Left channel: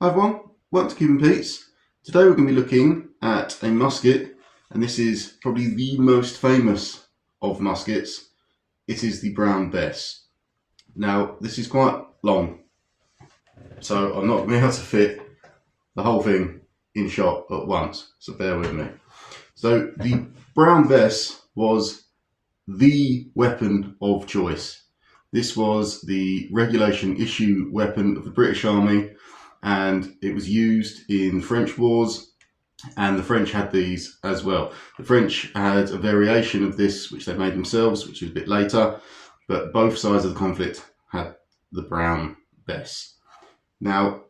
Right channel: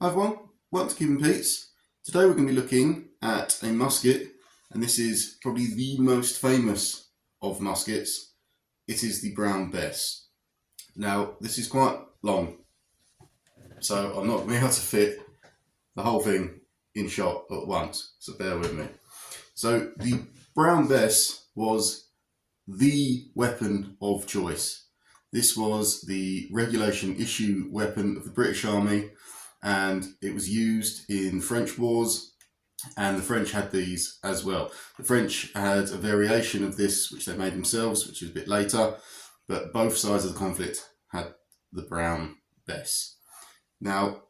Hi everyone, welcome to Cuban Pete's. Today we're going to be looking at a musket, and this is probably the most famous of muskets. It is the Brown Bess. Now this is quite long, so I'm not going to be able to fit the whole thing in shot at once, so bear with me. So the Brown Bess was the weapon of choice. This was the regulation issue weapon of the British Army, and it was used in French wars, and the French had these as well. The French had a variation of this which they made themselves, which was a bit later, but both sides of the conflict had the Brown Bess. Now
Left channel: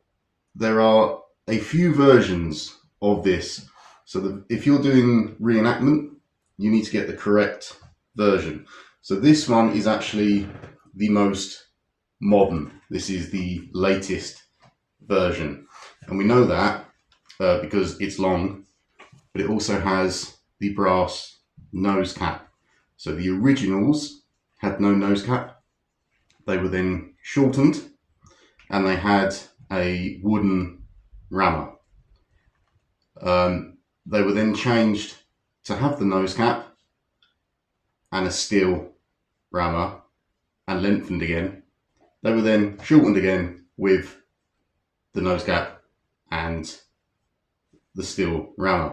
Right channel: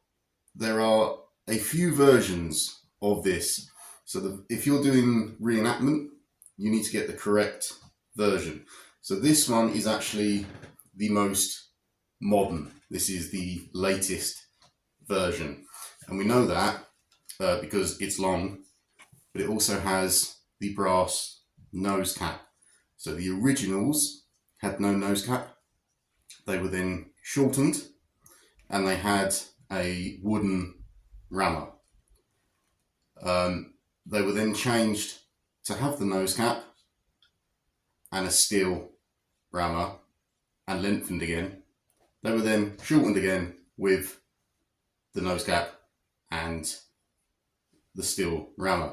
there are a few versions of this, so if you're doing reenactment you need to get the correct version. So this one is actually the most modern. This is the latest version, and we know that because it's long, but it also has the brass nose cap. So the originals had no nose cap. They were then shortened and they had a wooden rammer. They were then changed to have the nose cap and a steel rammer and lengthened again. They were then shortened again with the nose cap and the steel rammer.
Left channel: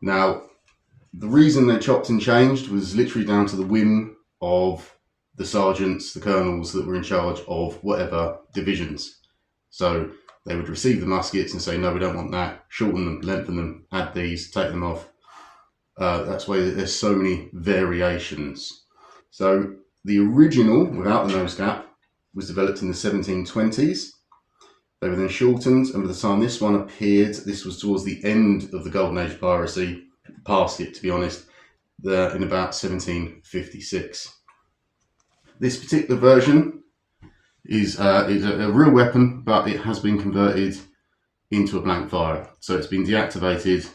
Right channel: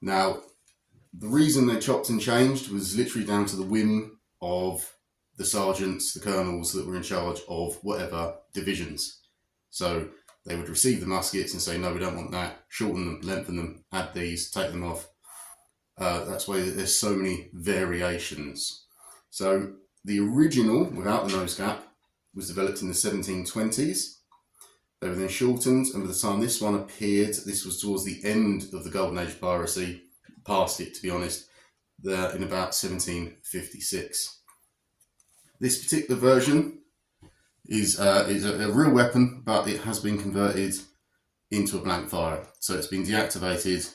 Now, the reason they chopped and changed was literally down to the whim of the sergeants, the colonels that were in charge of whatever divisions. So they would receive the muskets and say, no, we don't want that, shorten them, lengthen them, add these, take them off. That's why there's so many variations. So the original, without the nose cap, was developed in the 1720s. They were then shortened, and by the time this one appeared, this was towards the end of the golden age of piracy, past it to be honest, in about 1756. This particular version is a real weapon, but it has been converted into a blank fire. So it's been deactivated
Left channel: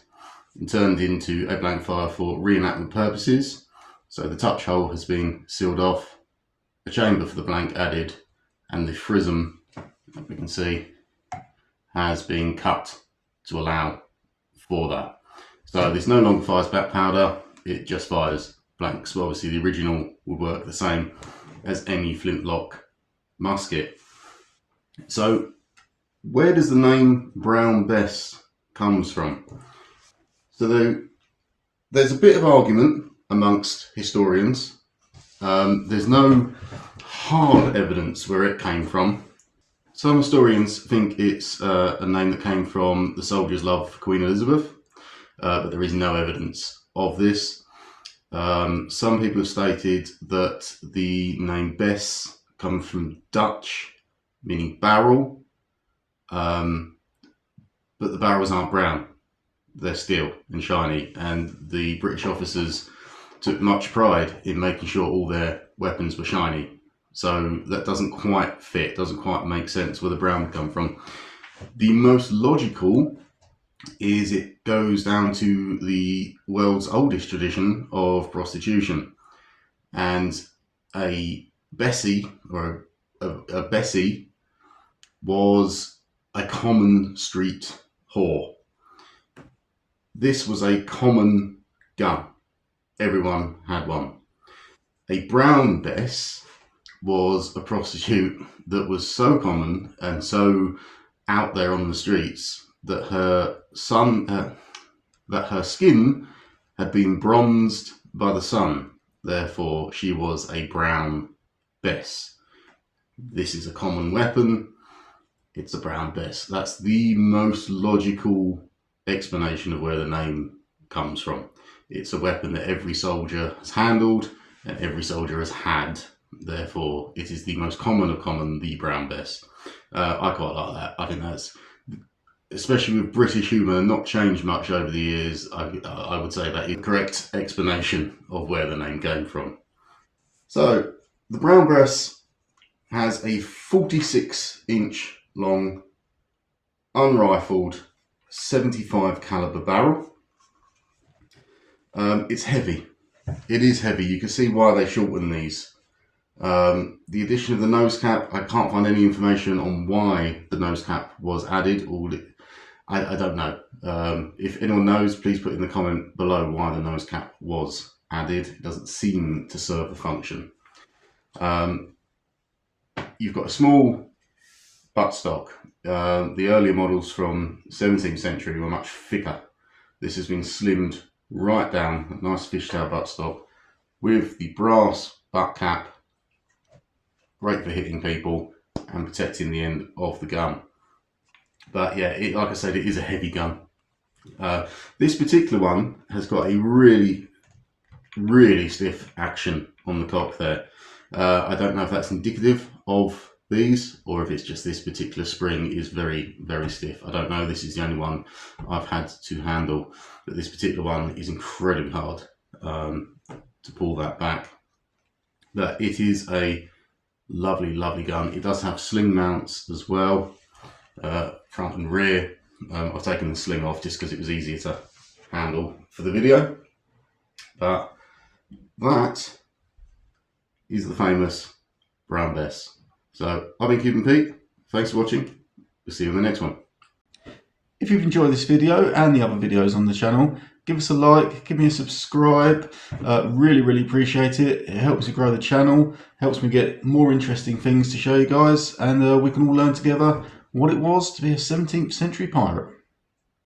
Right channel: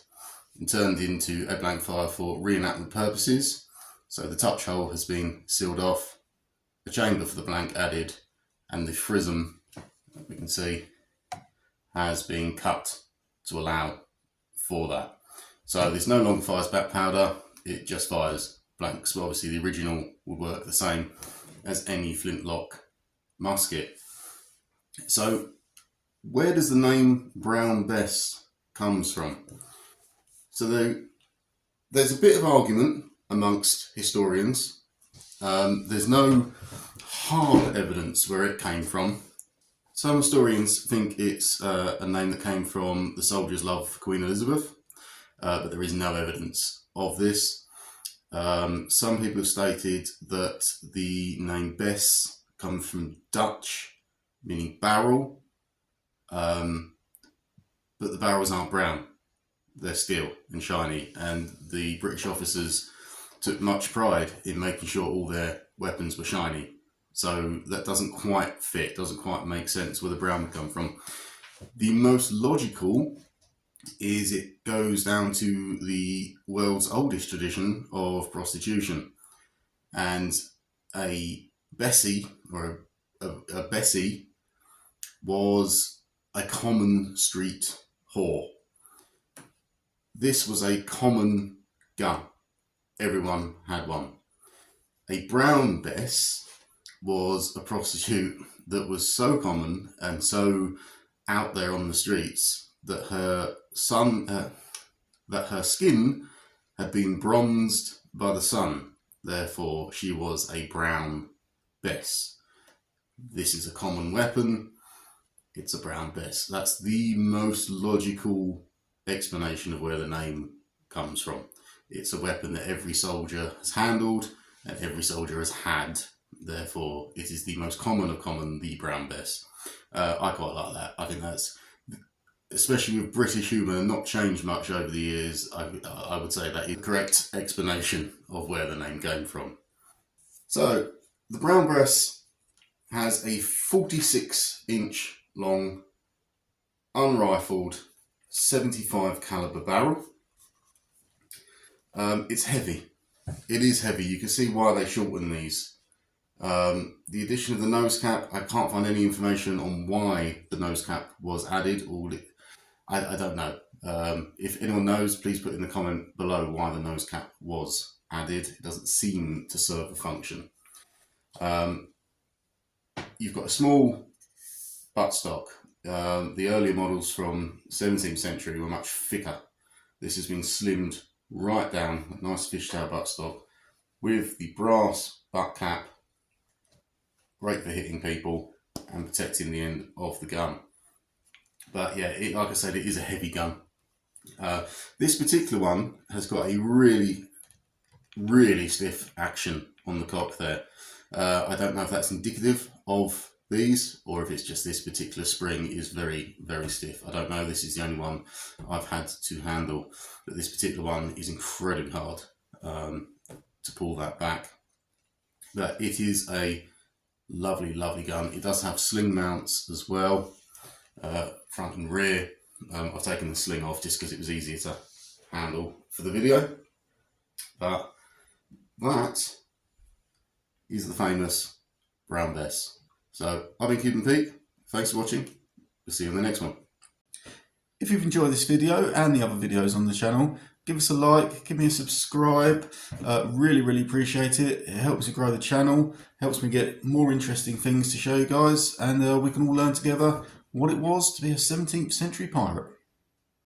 and turned into a blank fire for reenactment purposes. So the touch hole has been sealed off, a chamber for the blank added, and the frism, we can see, has been cut to allow for that. So this no longer fires back powder, it just fires blanks. Well, obviously the original would work the same as any flintlock musket. So where does the name Brown Bess comes from? So there's a bit of argument amongst historians. There's no hard evidence where it came from. Some historians think it's a name that came from the soldiers' love for Queen Elizabeth, but there is no evidence of this. Some people have stated that the name Bess comes from Dutch, meaning barrel, but the barrels aren't brown. They're steel and shiny, and the British officers took much pride in making sure all their weapons were shiny. So that doesn't quite fit, doesn't quite make sense where the brown would come from. The most logical is it goes down to the world's oldest tradition of prostitution. And a Bessie, or a Bessie, was a common street whore. This was a common gun. Everyone had one. A Brown Bess was a prostitute that was so common and so out there on the streets that her skin had been bronzed by the sun. Therefore, she was a Brown Bess. This is a common weapon. It's a Brown Bess. That's the most logical explanation of where the name comes from. It's a weapon that every soldier has handled and every soldier has had. Therefore, it is the most common of common, the Brown Bess. I quite like that. I think that's, especially with British humour, not changed much over the years. I would say that is the correct explanation of where the name came from. So, the Brown Bess has a 46-inch long, unrifled, 75 caliber barrel. It's heavy. It is heavy. You can see why they shorten these. The addition of the nose cap, I can't find any information on why the nose cap was added. I don't know. If anyone knows, please put in the comment below why the nose cap was added. It doesn't seem to serve the function. You've got a small buttstock. The earlier models from 17th century were much thicker. This has been slimmed right down, a nice fishtail buttstock with the brass butt cap, great for hitting people and protecting the end of the gun. But yeah, like I said, it is a heavy gun. This particular one has got a really stiff action on the cock there. I don't know if that's indicative of these or if it's just this particular spring is very stiff. I don't know. This is the only one I've had to handle, but this particular one is incredibly hard to pull that back. But it is a lovely gun. It does have sling mounts as well, front and rear. I've taken the sling off just because it was easier to handle for the video. But that is the famous Brown Bess. So I've been Cuban Pete. Thanks for watching. We'll see you in the next one. If you've enjoyed this video and the other videos on the channel, give us a like, give me a subscribe. Really appreciate it. It helps me grow the channel, helps me get more interesting things to show you guys, and we can all learn together what it was to be a 17th century pirate.